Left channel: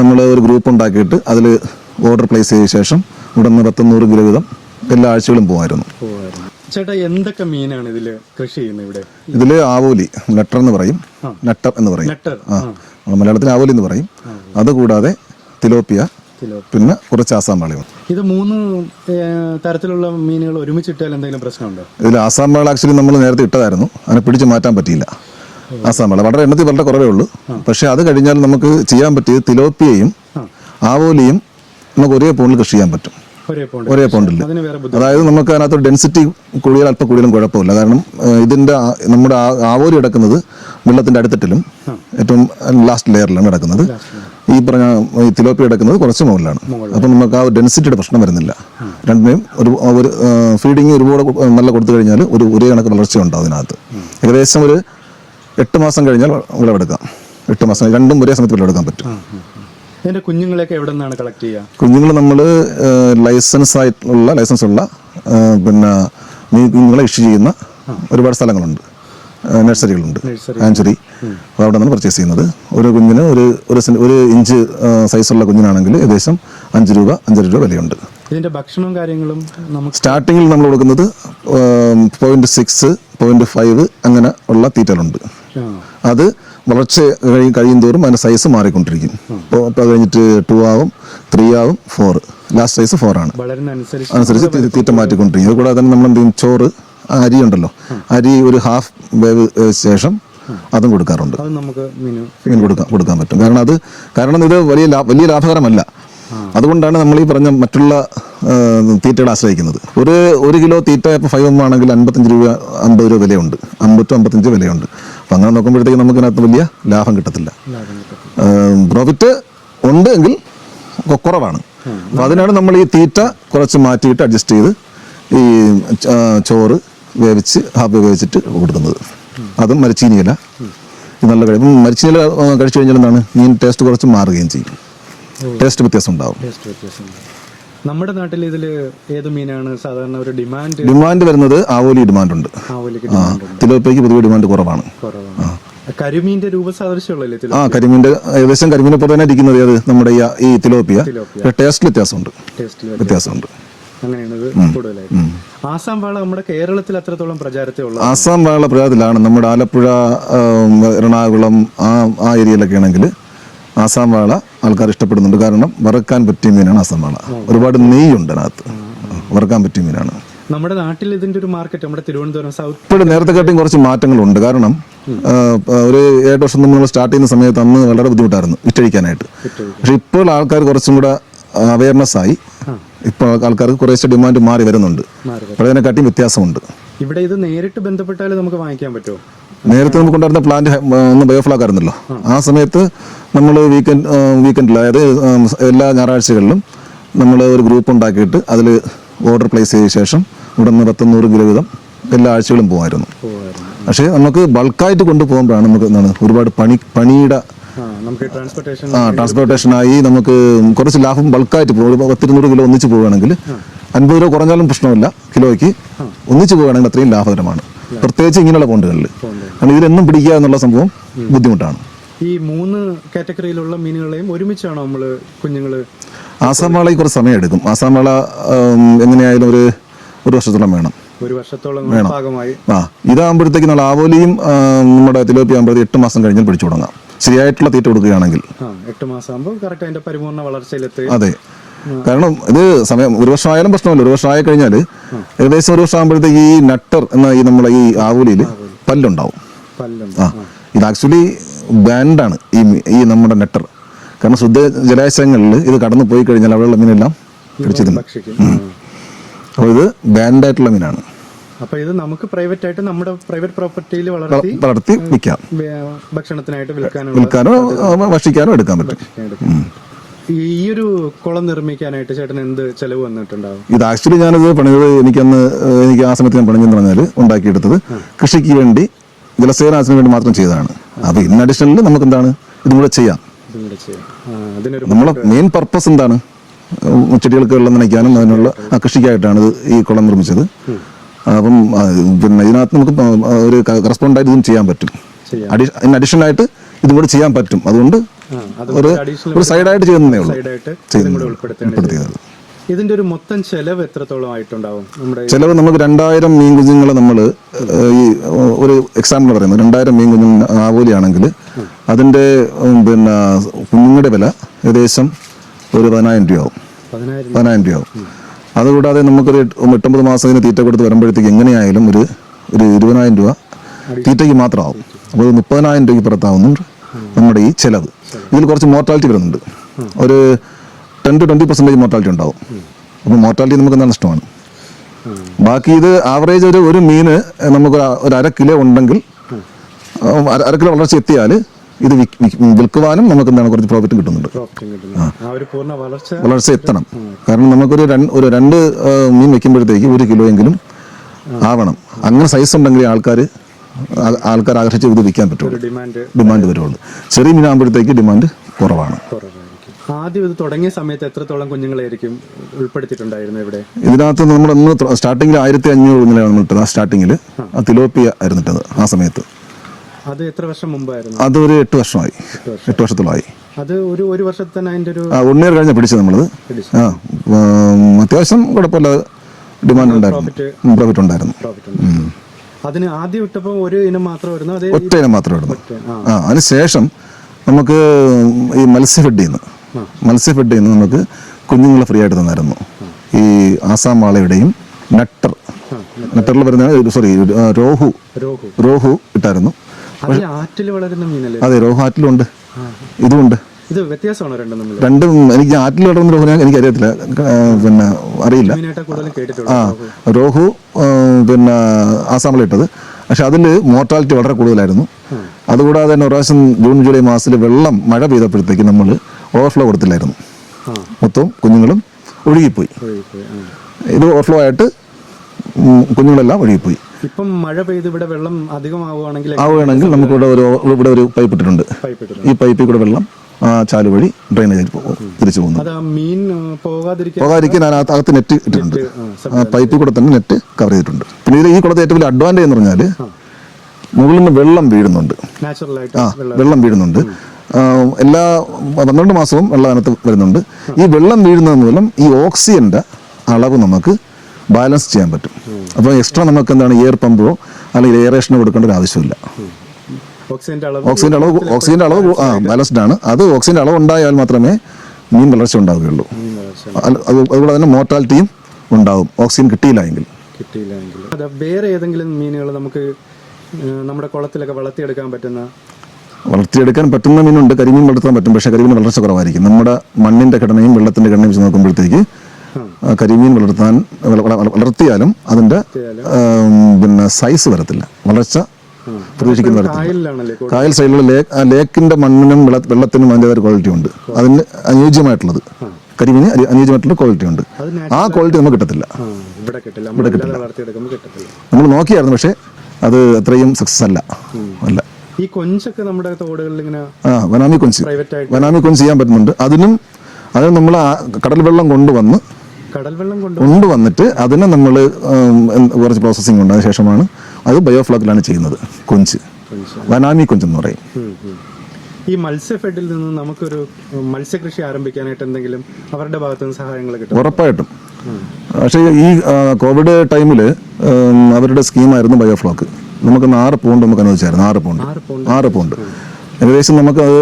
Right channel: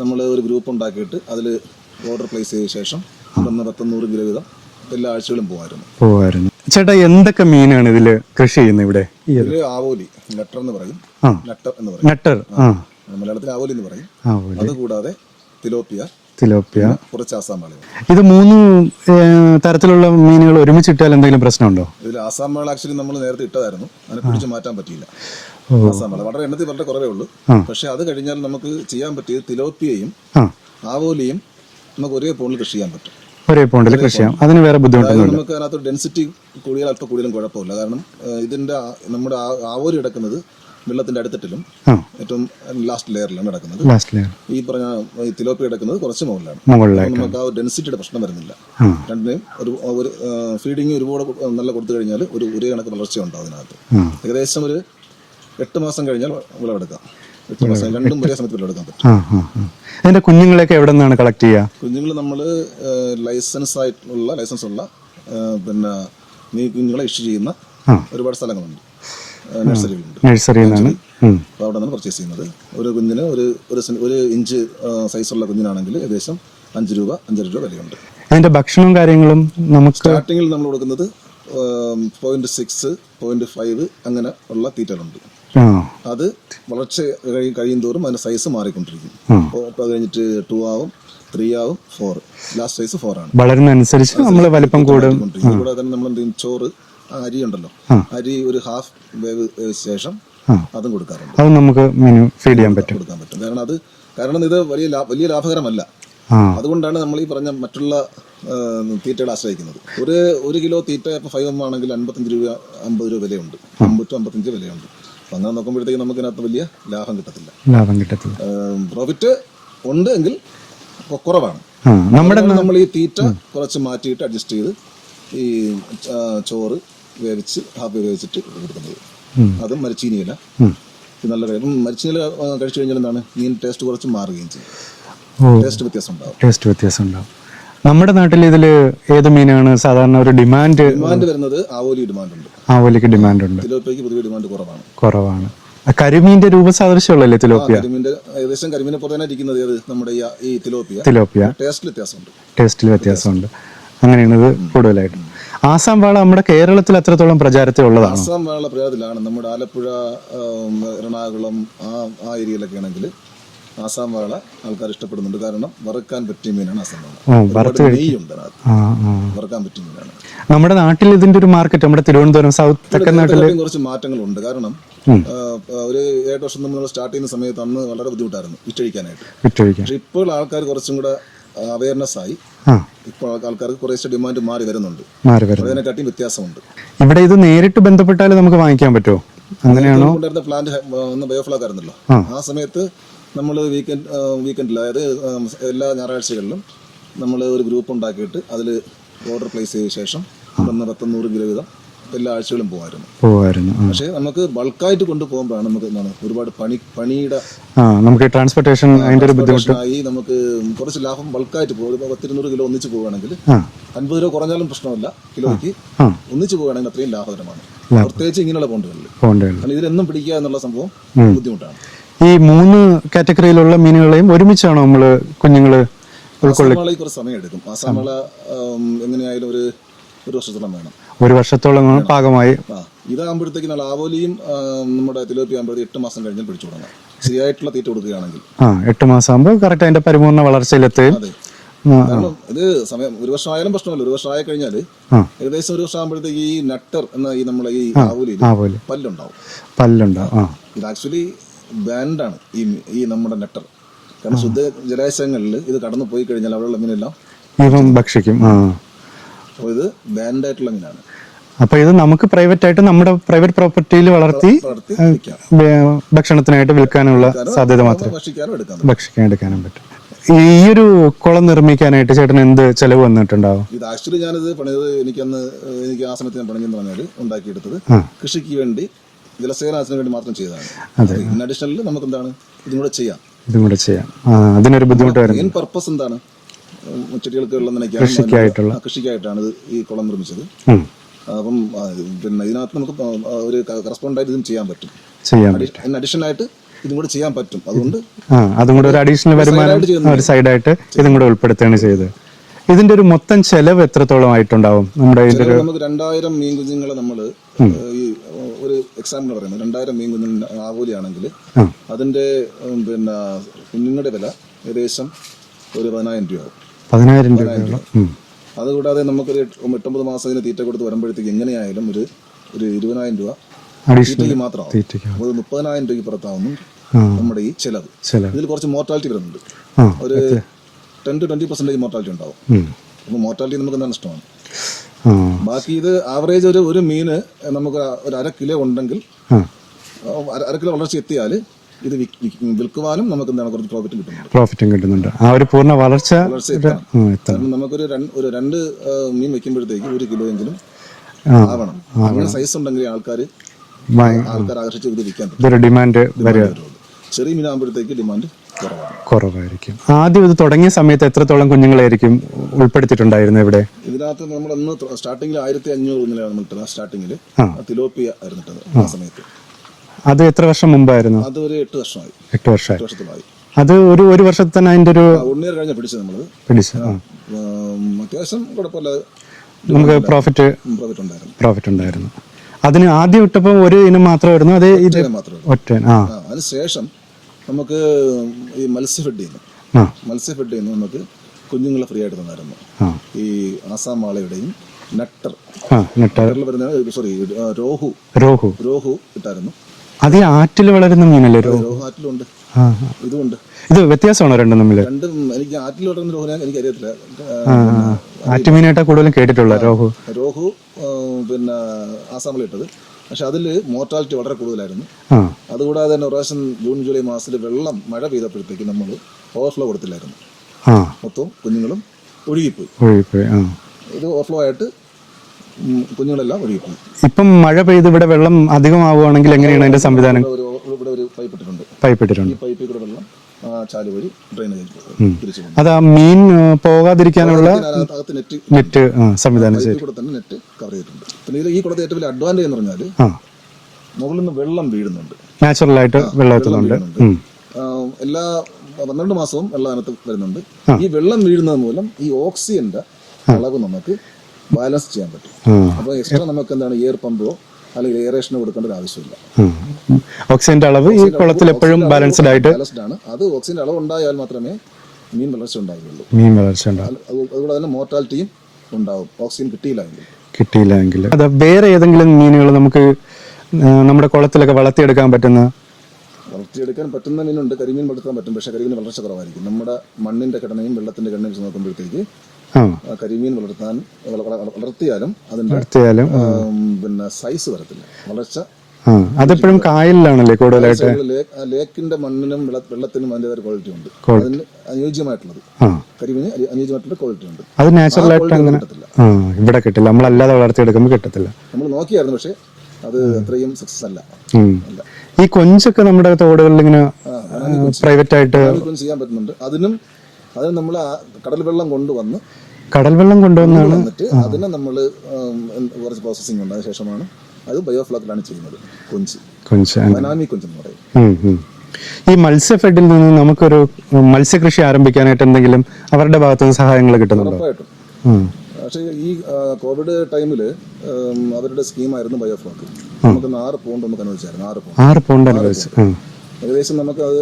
നമ്മൾ ഒരു ഗ്രൂപ്പ് ഉണ്ടാക്കിയിട്ട് അതിൽ ഓർഡർ പ്ലേസ് ചെയ്ത ശേഷം ഇവിടെ നിന്ന് 100 കിലോ വീതം എല്ലാ ആഴ്ചകളും പോകുമായിരുന്നു. ചേട്ടാ, എന്തൊക്കെ മീനാണ് ഇതിൽ കൃഷി ചെയ്യുന്നത് ഇവിടെ? ഇതിൽ ആവോലി, നെട്ടർ എന്ന് പറയും, നെട്ടർ എന്ന് പറയും, മലയാളത്തിൽ ആവോലി എന്ന് പറയും. അതുകൂടാതെ തിലോപ്പിയ, പിന്നെ കുറച്ച് ആസാം വാളയും. ഇത് 3 തരത്തിലുള്ള മീനുകൾ ഒരുമിച്ചിട്ടാൽ എന്തെങ്കിലും പ്രശ്നമുണ്ടോ? ഇതിൽ ആസാം വാള ആക്ച്വലി നമ്മൾ നേരത്തെ ഇട്ടതായിരുന്നു, അതിനെ പിടിച്ച് മാറ്റാൻ പറ്റിയില്ല. ആസാം വാള വളരെ എണ്ണത്തിൽ വളരെ കുറവേ ഉള്ളൂ. പക്ഷെ അത് കഴിഞ്ഞാൽ നമുക്ക് ചെയ്യാൻ പറ്റിയത് തിലോപ്പിയയും ആവോലിയും നമുക്ക് ഒരേ പോണ്ടിൽ കൃഷി ചെയ്യാൻ പറ്റും. അതായത് നമുക്ക് അതിനകത്ത് ഡെൻസിറ്റി കൂടിയാൽ അല്പം കൂടുതലും കുഴപ്പമില്ല. കാരണം ഇതിന്റെ നമ്മുടെ ആവോലി കിടക്കുന്നത് വെള്ളത്തിന്റെ അടുത്തിട്ടിലും ഏറ്റവും ലാസ്റ്റ് ലെയറിലാണ് കിടക്കുന്നത്. ഈ പറഞ്ഞ തിലോപ്പി കിടക്കുന്നത് കുറച്ച് മുകളിലാണ്. അപ്പൊ നമുക്ക് ആ ഡെൻസിറ്റിയുടെ പ്രശ്നം വരുന്നില്ല. രണ്ടിനെയും ഒരു ഫീഡിങ് ഒരുപാട് നല്ല കൊടുത്തു കഴിഞ്ഞാൽ ഒരേ കണക്ക് വളർച്ച ഉണ്ടാവും അതിനകത്ത്. ഏകദേശം ഒരു 8 മാസം കഴിഞ്ഞാൽ വിളവെടുക്കാം. 8 മാസം രണ്ടും ഒരേ സമയത്ത് വിളവെടുക്കാൻ പറ്റും. അതിന്റെ കുഞ്ഞുങ്ങളെയൊക്കെ എവിടെ നിന്നാണ് കളക്ട് ചെയ്യുക? കുഞ്ഞുങ്ങൾ നമ്മൾ ലൈസൻസ് ഉള്ള പിന്നെ കുഞ്ഞുങ്ങളെ ഇഷ്യൂ ചെയ്യുന്ന ഒരുപാട് സ്ഥലങ്ങളുണ്ട്, നഴ്സറികളുണ്ട്. നഴ്സറി അവിടെ നിന്നാണ് പർച്ചേസ് ചെയ്യുന്നത്. ഒരു കുഞ്ഞിന് ഒരു ഇഞ്ച് സൈസുള്ള കുഞ്ഞിനാണെങ്കിൽ ഏകദേശം 5 രൂപ 5.5 രൂപ വിലയുണ്ട്. അതിന്റെ ഭക്ഷണവും കാര്യങ്ങളും നമുക്ക് സ്റ്റാർട്ടിങ്ങിൽ നമ്മൾ കൊടുക്കുന്നത് 0.6, 0.5 അങ്ങനെ ഉള്ള തീറ്റകളുണ്ട്. അത് വളർച്ച കഴിയും തോറും അതിന്റെ സൈസ് മാറിക്കൊണ്ടിരിക്കും. അപ്പോൾ അത് കഴിഞ്ഞിട്ട് 2 ആവും, 3 ആവും, 4, ലാസ്റ്റ് സൈസ് 4 ആണ്. അനുസരിച്ച് മാറ്റിക്കൊണ്ടിരിക്കും. അതുകൂടാതെ തന്നെ നമ്മൾ എന്തെങ്കിലും ചോറ്, അരി ഉണ്ടല്ലോ, അരി ഒരു ഹാഫ് വേവ് ശേഷം അതും കൊടുക്കാറുണ്ട്. അത് നമുക്ക് കൊടുക്കാൻ പറ്റും. കാരണം ഇത് വലിയ ലാഭകരമല്ല. അതുകൊണ്ടാണ് നമ്മൾ ഈ പറഞ്ഞ മറ്റുള്ള തീറ്റകളെ ആശ്രയിക്കുന്നത്. ഒരു കിലോ തീറ്റ ഇപ്പോൾ 5 ആണെങ്കിൽ 55 രൂപ 50 രൂപ വിലയുണ്ട്, 55 വിലയുണ്ട്. അപ്പൊ അങ്ങനെ നോക്കുമ്പോഴത്തേക്ക് നമുക്ക് അതിനകത്ത് വലിയ ലാഭം കിട്ടത്തില്ല. പ്രോഫിറ്റ് ഉണ്ട് എങ്കിൽ കുറവാണ്. അതിനാണ് നമ്മൾ ഈ തീറ്റ കുറച്ച് മാറ്റിയിട്ട് അഡ്ജസ്റ്റ് ചെയ്ത് ഈ ചോറ് ഹാഫ് വേവിച്ചിട്ട് കൊടുക്കുന്നത്. അതും മരച്ചീനിയില നല്ല കഴിയും. മരച്ചീനിയില കഴിച്ചു കഴിഞ്ഞാൽ എന്താണ്, മീൻ ടേസ്റ്റ് കുറച്ച് മാറുകയും ചെയ്യും. ടേസ്റ്റ് വ്യത്യാസം ഉണ്ടാവും. നമ്മുടെ നാട്ടിൽ ഇതിൽ ഏത് മീനാണ് സാധാരണ ഒരു ഡിമാൻഡ് വരുന്നത്? ആവോലി ഡിമാൻഡ് ഉണ്ട്. തിലോപ്പിയക്ക് പൊതുവെ ഡിമാൻഡ് കുറവാണ്. കരിമീന്റെ രൂപസാദൃശ്യമുള്ളല്ലേ തിലോപ്പിയ? കരിമീന്റെ ഏകദേശം കരിമീനെ പോലെ തന്നെ ഇരിക്കുന്നത് അത് നമ്മുടെ ഈ തിലോപ്പിയ. ടേസ്റ്റിൽ വ്യത്യാസമുണ്ട്. അങ്ങനെയാണ് ഇത് കൂടുതലായിട്ട്. ആസാം വാള നമ്മുടെ കേരളത്തിൽ അത്രത്തോളം പ്രചാരത്തിലുള്ളത്? ആസാം വാള പ്രചാരത്തിലാണ്. നമ്മുടെ ആലപ്പുഴ, എറണാകുളം ആ ഏരിയയിലൊക്കെ ആണെങ്കിൽ ആസാം വാള ആൾക്കാർ ഇഷ്ടപ്പെടുന്നുണ്ട്. കാരണം വറുക്കാൻ പറ്റിയ മീനാണ് ആസാം വാള. ഒരുപാട് നെയ്യുണ്ട് അതിനകത്ത്, വറുക്കാൻ പറ്റിയ മീനാണ്. നമ്മുടെ നാട്ടിൽ ഇതിന്റെ ഒരു മാർക്കറ്റ് നമ്മുടെ തിരുവനന്തപുരം സൗത്ത് നേരത്തെ കാട്ടിയും കുറച്ച് മാറ്റങ്ങളുണ്ട്. കാരണം ഒരു 7 വർഷം നമ്മൾ സ്റ്റാർട്ട് ചെയ്യുന്ന സമയത്ത് അന്ന് വളരെ ബുദ്ധിമുട്ടായിരുന്നു വിറ്റഴിക്കാനായിട്ട്. പക്ഷെ ഇപ്പോൾ ആൾക്കാർ കുറച്ചും കൂടെ അവയർനെസ് ആയി. ഇപ്പോൾ ആൾക്കാർക്ക് കുറേശ്ശെ ഡിമാൻഡ് മാറി വരുന്നുണ്ട്. അതിനെക്കാട്ടിയും വ്യത്യാസമുണ്ട്. ഇവിടെ ഇത് നേരിട്ട് ബന്ധപ്പെട്ടാൽ നമുക്ക് വാങ്ങിക്കാൻ പറ്റുമോ? നേരത്തെ നമുക്കുണ്ടായിരുന്ന പ്ലാന്റ് ഒന്ന് ബയോഫ്ലാക്ക് ആയിരുന്നല്ലോ. ആ സമയത്ത് നമ്മൾ വീക്കെൻഡിൽ, അതായത് എല്ലാ ഞായറാഴ്ചകളിലും നമ്മൾ ഒരു ഗ്രൂപ്പ് ഉണ്ടാക്കിയിട്ട് അതിൽ ഓർഡർ പ്ലേസ് ചെയ്ത ശേഷം ഇവിടെ നിന്ന് 100 കിലോ വീതം എല്ലാ ആഴ്ചകളും പോകുമായിരുന്നു. പക്ഷേ നമുക്ക് ബൾക്കായിട്ട് കൊണ്ടുപോകുമ്പോഴാണ് നമുക്ക് ഒരുപാട് പണിയുടെ നമുക്ക് ട്രാൻസ്പോർട്ടേഷനായി നമുക്ക് കുറച്ച് ലാഭം ബൾക്കായിട്ട് പോകും. 100 കിലോ ഒന്നിച്ച് പോവുകയാണെങ്കിൽ 50 രൂപ കുറഞ്ഞാലും പ്രശ്നമില്ല. കിലോയ്ക്ക് ഒന്നിച്ച് പോവുകയാണെങ്കിൽ അത്രയും ലാഭകരമാണ്. പ്രത്യേകിച്ച് ഇങ്ങനെയുള്ള പോണ്ടുകളിൽ. കാരണം ഇതിലെന്നും പിടിക്കുക എന്നുള്ള സംഭവം ബുദ്ധിമുട്ടാണ്. ഈ 3 കാറ്റഗറിയിലുള്ള മീനുകളെയും ഒരുമിച്ചാണോ നമ്മള് കുഞ്ഞുങ്ങള്? ആസാം വാള കുറച്ച് സമയം എടുക്കും. ആസാം വാള എങ്ങനെയായാലും ഒരു വർഷത്തോളം വേണം. ഒരു വർഷത്തോളം പാകമായി. ഇതാകുമ്പോഴത്തേക്ക് നമ്മൾ ആവോലിയും നമ്മുടെ തിലോപ്പിയ ആകുമ്പോഴത്തേക്ക് 8 മാസം കഴിഞ്ഞാൽ പിടിച്ചു തുടങ്ങാം, ശരിയായിട്ടുള്ള തീറ്റ കൊടുക്കുകയാണെങ്കിൽ. 8 മാസം ആകുമ്പോൾ കറക്റ്റ് അതിന്റെ പരിപൂർണ്ണ വളർച്ചയിലെത്തി. അതെ. കാരണം ഇത് സമയം 1 വർഷം ആയാലും പ്രശ്നമല്ല. 1 വർഷം ആയി കഴിഞ്ഞാൽ ഏകദേശം 1 വർഷം ആകുമ്പോഴത്തേക്ക് ഈ നട്ടർ എന്ന ഈ നമ്മുടെ ഈ ആവോലിയിൽ പല്ലുണ്ടാവും. ഇത് ആക്ച്വലി ബാൻഡാണ് ഈ നമ്മുടെ നെട്ടർ. കാരണം ശുദ്ധ ജലാശയങ്ങളിൽ ഇത് കടന്നു പോയി കഴിഞ്ഞാൽ അവിടെയുള്ള മീനെല്ലാം ഭക്ഷിക്കും. അപ്പോൾ ഇത് ബാൻഡായിട്ടുള്ള മീനാണ്. അപ്പൊ ഇത് നമുക്ക് പ്രൈവറ്റ് ആയിട്ട് നമ്മുടെ പ്രൈവറ്റ് പ്രോപ്പർട്ടിയിൽ വളർത്തി വിൽക്കാം. ഭക്ഷണത്തിനായിട്ട് വിൽക്കാനുള്ള ഭക്ഷിക്കാനും എടുക്കാൻ പറ്റും. ഈ ഒരു കുളം നിർമ്മിക്കാനായിട്ട് ചേട്ടൻ എന്ത് ചെലവ് വന്നിട്ടുണ്ടാവും? ഇത് ആക്ച്വലി ഞാനിത് പണിത് എനിക്ക് ആ സമയത്ത് ഞാൻ പണിഞ്ഞെന്ന് പറഞ്ഞാൽ ഉണ്ടാക്കിയെടുത്തത് കൃഷിക്ക് വേണ്ടി, ജലസേചനത്തിന് വേണ്ടി മാത്രം ചെയ്തതാണ്. അപ്പൊ ഇൻ അഡീഷണൽ നമുക്ക് എന്താണ് ഇതും കൂടെ ചെയ്യാം. അതിനൊരു മെയിൻ പർപ്പസ് എന്താണ്, ചെടികൾക്ക് വെള്ളം നനയ്ക്കാനും അതിനുള്ള കൃഷിക്കായിട്ടാണ് ഈ കുളം നിർമ്മിച്ചത്. അപ്പം പിന്നെ ഇതിനകത്ത് നമുക്ക് ഒരു കറസ്പോണ്ടായിട്ട് ഇതും ചെയ്യാൻ പറ്റും. ഇൻ അഡീഷണൽ ആയിട്ട് ഇതും കൂടെ ചെയ്യാൻ പറ്റും. അതുകൊണ്ട് അതും കൂടെ അഡീഷണൽ സൈഡായിട്ട് ചെയ്യുന്നത് സൈഡായിട്ട് ഇതും കൂടെ ഉൾപ്പെടുത്തുകയാണ് ചെയ്തത്. ഇതിന്റെ ഒരു മൊത്തം ചെലവ് എത്രത്തോളം ആയിട്ടുണ്ടാവും? നമ്മുടെ ചിലവ് നമുക്ക് 2000 മീൻ കുഞ്ഞുങ്ങളെ നമ്മൾ ഈ ഒരു എക്സാമ്പിൾ പറയുന്നത് 2000 മീൻ കുഞ്ഞുങ്ങൾ ആവോലിയാണെങ്കിൽ അതിന്റെ പിന്നെ കുഞ്ഞുങ്ങളുടെ വില ഏകദേശം ഒരു 10,000 രൂപയാവും. 10,000 രൂപയാവും. അതുകൂടാതെ നമുക്കൊരു 8-9 മാസത്തിന് തീറ്റ കൊടുത്ത് വരുമ്പോഴത്തേക്ക് എങ്ങനെയായാലും ഒരു 20,000 രൂപ തീറ്റയ്ക്ക് മാത്രമാവും. അപ്പോൾ 30,000 രൂപയ്ക്ക് പുറത്താവുന്നുണ്ട് നമ്മുടെ ഈ ചെലവ്. ഇതിൽ കുറച്ച് മോർട്ടാലിറ്റി വരുന്നുണ്ട്. ഒരു 10-20% മോർട്ടാലിറ്റി ഉണ്ടാവും. അപ്പോൾ മോർട്ടാലിറ്റി നമുക്ക് എന്താ നഷ്ടമാണ്. ബാക്കി ഇത് ആവറേജ് ഒരു മീന് നമുക്ക് ഒരു 1/2 കിലോ ഉണ്ടെങ്കിൽ 1/2 കിലോ വളർച്ച എത്തിയാൽ ഇത് വിൽക്കുവാനും നമുക്ക് എന്താണ് കുറച്ച് പ്രോഫിറ്റും കിട്ടുന്നുണ്ട്. ആ ഒരു പൂർണ്ണ വളർച്ച എത്തണം. കാരണം നമുക്കൊരു 2 മീൻ വെക്കുമ്പോഴത്തേക്ക് 1 കിലോ എങ്കിലും ആവണം. അങ്ങനെ സൈസ് ഉണ്ടെങ്കിൽ ആൾക്കാർ ആകർഷിച്ച് ഇത് വിൽക്കാൻ പറ്റും. ഡിമാൻഡ് വരുള്ളൂ. ചെറിയ മീനാകുമ്പോഴത്തേക്ക് ഡിമാൻഡ് കുറവായിരിക്കും. ആദ്യം ഇത് തുടങ്ങിയ സമയത്ത് എത്രത്തോളം കുഞ്ഞുങ്ങളായിരിക്കും ഉൾപ്പെടുത്തിയിട്ടുണ്ടായിരുന്നു ഇവിടെ? ഇതിനകത്ത് നമ്മൾ സ്റ്റാർട്ടിങ്ങിൽ 1500 കുഞ്ഞുങ്ങളെ നമ്മൾ ഇട്ടത്. സ്റ്റാർട്ടിങ്ങിൽ തിലോപ്പിയ ആയിരുന്നിട്ടത് ആ സമയത്ത്. അത് എത്ര വർഷം മുമ്പായിരുന്നു? അത് ഒരു 8 വർഷമായി. 8 വർഷത്തോളമായി. അത് ഒരു വർഷത്തിൽ തന്നെ അതിന്റെ ഒരു 1 ഇയർ കഴിഞ്ഞ പിടിച്ചത് നമ്മളത്. അത്യാവശ്യം കുഴപ്പമില്ലാതെ പ്രോഫിറ്റ് ഉണ്ടായിരുന്നു. അതിന് ആദ്യം ഇട്ടപ്പോൾ ഒരു ഇനം മാത്രമായിരുന്നു. ഒറ്റ ഇനം മാത്രമായിരുന്നു. അതിനുശേഷം നമുക്ക് ഈ മത്സ്യഫെഡിൽ നിന്ന് നമുക്ക് കുഞ്ഞുങ്ങളെ ഫ്രീ ആയിട്ട് തന്നായിരുന്നു. ഈ ആസാം വാളയുടെയും നട്ടറിൽ വരുന്ന രോഹു ഇട്ടായിരുന്നു. അത് ആറ്റിൽ വളരുന്ന മീനല്ലേ? അതെ, രോഹു ആറ്റിലുണ്ട്, ഇതുമുണ്ട്. ഇത് വ്യത്യാസമാണോ രണ്ടും? എനിക്ക് ആറ്റിൽ വളരുന്ന രോഹു എനിക്ക് അറിയത്തില്ല, പിന്നെ അറിയില്ല. കൂടുതലും കേട്ടിട്ടുള്ള രോഹു പിന്നെ ആസാമിൽ ഇട്ടത്. പക്ഷെ അതിൽ മോർട്ടാലിറ്റി വളരെ കൂടുതലായിരുന്നു. അതുകൂടാതെ തന്നെ ഒരു പ്രാവശ്യം ജൂൺ ജൂലൈ മാസത്തിൽ മഴ പെയ്തപ്പോഴത്തേക്ക് നമ്മൾ ഓവർഫ്ലോ കൊടുത്തില്ലായിരുന്നു. മൊത്തം കുഞ്ഞുങ്ങളും ഒഴുകിപ്പോയി. ഇത് ഓവർഫ്ലോ ആയിട്ട് കുഞ്ഞുങ്ങളെല്ലാം ഒഴുകിപ്പോയി. ഇപ്പം മഴ പെയ്ത് ഇവിടെ വെള്ളം അധികമാവുകയാണെങ്കിൽ ഇവിടെ ഒരു പൈപ്പ് ഇട്ടിട്ടുണ്ട്. ഈ പൈപ്പിൽ കൂടെ വെള്ളം ചാല് വഴി ഡ്രെയിനേജ് തിരിച്ചു പോകുന്നു. അത് മീൻ പോകാതിരിക്കാൻ അകത്ത് നെറ്റ് പൈപ്പിൽ കൂടെ തന്നെ നെറ്റ് കവർ ചെയ്തിട്ടുണ്ട്. പിന്നെ ഇതിൽ ഈ കുളത്തെ ഏറ്റവും വലിയ അഡ്വാൻറ്റേജ് എന്ന് പറഞ്ഞാൽ മുകളിൽ നിന്ന് വെള്ളം വീഴുന്നുണ്ട്. നാച്ചുറലായിട്ട് വെള്ളം വീഴുന്നുണ്ട്. എല്ലാ 12 മാസവും വെള്ളം അതിനകത്ത് വരുന്നുണ്ട്. ഈ വെള്ളം വീഴുന്നത് മൂലം ഈ ഓക്സിജന്റെ അളവ് നമുക്ക് ബാലൻസ് ചെയ്യാൻ പറ്റും. അപ്പോൾ എക്സ്ട്രാ നമുക്ക് എന്താണ് എയർ പമ്പോ അല്ലെങ്കിൽ എയറേഷനോ കൊടുക്കേണ്ട ഒരു ആവശ്യമില്ല. ഓക്സിജന്റെ അളവ് ബാലൻസ്ഡ് ആണ്. അത് ഓക്സിജന്റെ അളവ് ഉണ്ടായാൽ മാത്രമേ മീൻ വളർച്ച ഉണ്ടാവുകയുള്ളൂ. അതുപോലെ തന്നെ മോർട്ടാലിറ്റിയും ഉണ്ടാവും ഓക്സിജൻ കിട്ടിയില്ലെങ്കിൽ. അത് വേറെ ഏതെങ്കിലും മീനുകൾ നമുക്ക് നമ്മുടെ കുളത്തിലൊക്കെ വളർത്തിയെടുക്കാൻ പറ്റുന്ന മീനുണ്ട്. കരിമീൻ വളർത്താൻ പറ്റും. പക്ഷെ കരിമീൻ വളർച്ച കുറവായിരിക്കും. നമ്മുടെ മണ്ണിന്റെ ഘടനയും വെള്ളത്തിന്റെ ഘടനയും വെച്ച് നോക്കുമ്പോഴത്തേക്ക് കരിമീൻ വളർത്തിയാലും അതിന്റെ പിന്നെ സൈസ് വരത്തില്ല, വളർച്ച. ലേക്കിന്റെ മണ്ണിനും വെള്ളത്തിനും അതിൻ്റെതായ ക്വാളിറ്റി ഉണ്ട്. അതിന് അനുയോജ്യമായിട്ടുള്ളത് കരിമീന് അനുയോജ്യമായിട്ടുള്ള ക്വാളിറ്റി ഉണ്ട്. ആ ക്വാളിറ്റി ഒന്നും കിട്ടത്തില്ല. നമ്മൾ നോക്കിയായിരുന്നു, പക്ഷെ അത് അത്രയും സക്സസ് അല്ല. ഈ കൊഞ്ചൊക്കെ നമ്മുടെ തോടുകളിൽ ഇങ്ങനെ വനാമി കൊഞ്ച് ചെയ്യാൻ പറ്റുന്നുണ്ട്. അതിനും നമ്മൾ കടൽ വെള്ളം കൊണ്ടുവന്നിട്ട് അതിനെ നമ്മൾ കുറച്ച് പ്രോസസ്സിംഗ് ഉണ്ട്. അതിനുശേഷമാണ് അത് ബയോഫ്ലോക്കിലാണ് ചെയ്യുന്നത്. വനാമി കൊഞ്ച് എന്ന് പറയും. ഈ മത്സ്യഫെഡിൽ നിന്ന് നമുക്കൊരു മത്സ്യകൃഷി ആരംഭിക്കാനായിട്ട് എന്തെങ്കിലും അവരുടെ ഭാഗത്ത് നിന്ന് സഹായങ്ങൾ കിട്ടും? ഉറപ്പായിട്ടും. പക്ഷേ ഈ കോവിഡ് ടൈമിൽ അവരുടെ സ്കീമായിരുന്നു ബയോഫ്ലോക്ക്. നമുക്ക് 6 പൗണ്ട് നമുക്ക് അനുവദിച്ചായിരുന്നു. 6 പൗണ്ട് ഏകദേശം നമുക്ക് അത്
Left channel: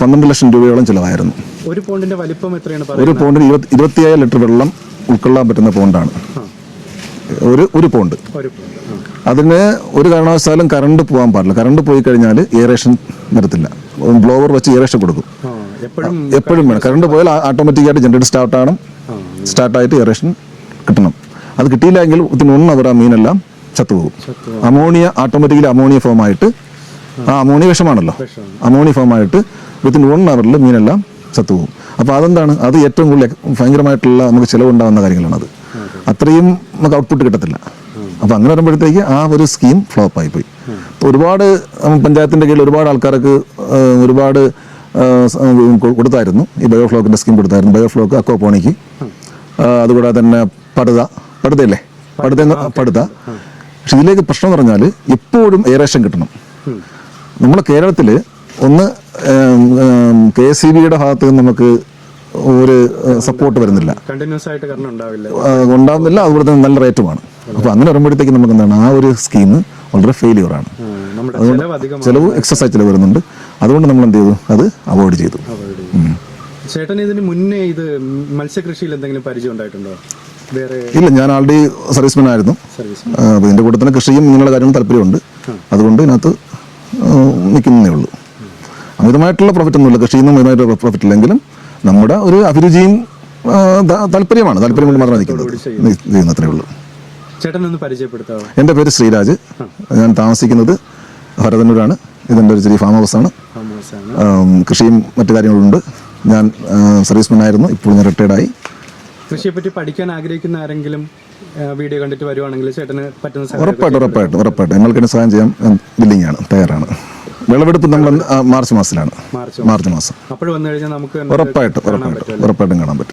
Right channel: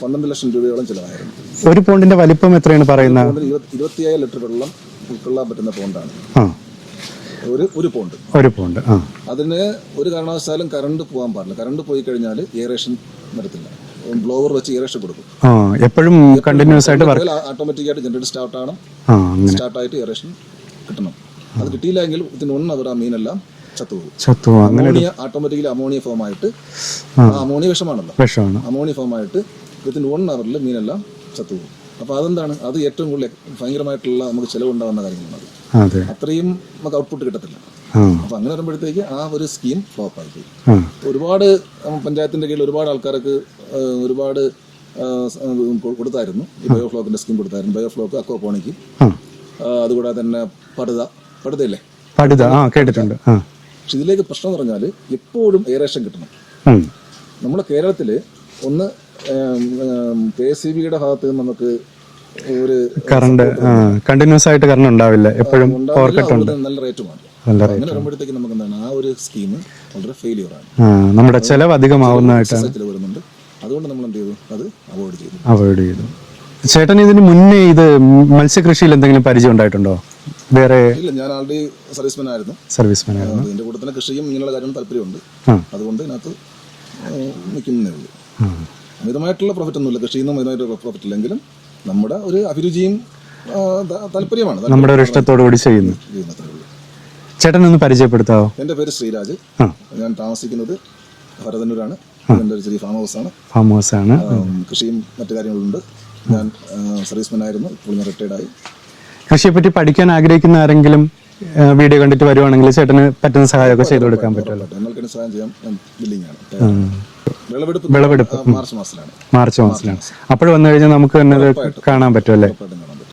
12 ലക്ഷം രൂപയോളം ചിലവായിരുന്നു. ഒരു പൗണ്ടിന്റെ വലിപ്പം എത്രയാണ് പറയുന്നത്? ഒരു പൗണ്ടിന് 27 ലിറ്റർ വെള്ളം ഉൾക്കൊള്ളാൻ പറ്റുന്ന പൗണ്ടാണ് ഒരു പൗണ്ട്. അതിന് ഒരു കാരണവശാലും കറണ്ട് പോകാൻ പാടില്ല. കറണ്ട് പോയി കഴിഞ്ഞാൽ എയറേഷൻ വരത്തില്ല. ബ്ലോവർ വെച്ച് എയറേഷൻ കൊടുക്കും. എപ്പോഴും കറണ്ട് പോയാൽ ഓട്ടോമാറ്റിക്കായിട്ട് ജനറേറ്റർ സ്റ്റാർട്ടായിട്ട് എയറേഷൻ കിട്ടണം. അത് കിട്ടിയില്ലെങ്കിൽ വിത്തിൻ 1 അവർ ആ മീനെല്ലാം ചത്തുപോകും. അമോണിയ ഓട്ടോമാറ്റിക്കലി അമോണിയ ഫോം ആയിട്ട്, അമോണിയ വിഷമാണല്ലോ, അമോണിയ ഫോം ആയിട്ട് വിത്തിൻ 1 അവറിൽ മീനെല്ലാം ചത്തുപോകും. അപ്പൊ അതെന്താണ്, അത് ഏറ്റവും കൂടുതൽ ഭയങ്കരമായിട്ടുള്ള നമുക്ക് ചിലവുണ്ടാകുന്ന കാര്യങ്ങളാണ്. അത് അത്രയും നമുക്ക് ഔട്ട്പുട്ട് കിട്ടത്തില്ല. അപ്പൊ അങ്ങനെ വരുമ്പോഴത്തേക്ക് ആ ഒരു സ്കീം ഫ്ലോപ്പ് ആയി പോയി. ഒരുപാട് പഞ്ചായത്തിന്റെ കീഴിൽ ഒരുപാട് ആൾക്കാർക്ക് ഒരുപാട് കൊടുത്തായിരുന്നു. ഈ ബയോഫ്ലോക്കിന്റെ സ്കീം കൊടുത്തായിരുന്നു. ബയോഫ്ലോക്ക്, അക്വാപോണിക്ക്, അതുകൂടാതെ തന്നെ പടുതയല്ലേ, പടുത. പക്ഷെ ഇതിലേക്ക് പ്രശ്നം എന്ന് പറഞ്ഞാൽ എപ്പോഴും എയറേഷൻ കിട്ടണം. നമ്മുടെ കേരളത്തില് ഒന്ന് KSEBയുടെ ഭാഗത്ത് നിന്ന് നമുക്ക് ഒരു സപ്പോർട്ട് വരുന്നില്ല, കണ്ടിന്യൂസ് ആയിട്ട് കറണ്ട് ഉണ്ടാവില്ല, ഉണ്ടാകുന്നില്ല. അതുപോലെ തന്നെ നല്ല റേറ്റുമാണ്. അപ്പൊ അങ്ങനെ വരുമ്പോഴത്തേക്ക് നമുക്ക് എന്താണ് ആ ഒരു സ്കീം വളരെ ഫെയിലിയർ ആണ്. നമ്മുടെ ചെലവ് എക്സസൈസ് ചെലവ് വരുന്നുണ്ട്. അതുകൊണ്ട് നമ്മൾ എന്ത് ചെയ്തു, അത് അവോയ്ഡ് ചെയ്തു. ചേട്ടൻ ഇതിന് മുന്നേ ഇത് മത്സ്യകൃഷിയിൽ എന്തെങ്കിലും പരിചയം ഉണ്ടായിട്ടുണ്ടോ? വേറെ ഇല്ല, ഞാൻ ആൾറെഡി സർവീസ്മാൻ ആയിരുന്നു. അപ്പൊ ഇതിന്റെ കൂടെ തന്നെ കൃഷിയും ഇങ്ങനെയുള്ള കാര്യങ്ങൾ താല്പര്യമുണ്ട്. അതുകൊണ്ട് ഇതിനകത്ത് നിൽക്കുന്നേ ഉള്ളൂ. അമിതമായിട്ടുള്ള പ്രോഫിറ്റ് ഒന്നുമില്ല, കൃഷിയിൽ നിന്നും അമിതമായിട്ട് പ്രോഫിറ്റ് ഇല്ലെങ്കിലും നമ്മുടെ ഒരു അഭിരുചിയും താല്പര്യമാണ് ചെയ്യുന്നത്രേ ഉള്ളൂ. ചേട്ടൻ ഒന്ന് പരിചയപ്പെടുത്താവോ? എൻ്റെ പേര് ശ്രീരാജ്. ഞാൻ താമസിക്കുന്നത് ഭരതന്നൂരാണ്. ഇതിൻ്റെ ഒരു ചെറിയ ഫാം ഹൗസാണ്. കൃഷിയും മറ്റു കാര്യങ്ങളുണ്ട്. ഞാൻ സർവീസ്മാൻ ആയിരുന്നു, ഇപ്പോൾ ഞാൻ റിട്ടയർഡായി. കൃഷിയെ പറ്റി പഠിക്കാൻ ആഗ്രഹിക്കുന്ന ആരെങ്കിലും വീഡിയോ കണ്ടിട്ട് വരുവാണെങ്കിൽ ചേട്ടന് പറ്റുന്ന സഹായം ഉറപ്പായിട്ടും നിങ്ങൾക്ക് സഹായം ചെയ്യാൻ ബില്ലിംഗ് ആണ്, തയ്യാറാണ്. വിളവെടുപ്പ് മാർച്ച് മാസത്തിലാണ്. മാർച്ച് മാസം അപ്പോൾ വന്നു കഴിഞ്ഞാൽ നമുക്ക് ഉറപ്പായിട്ടും കാണാൻ പറ്റും.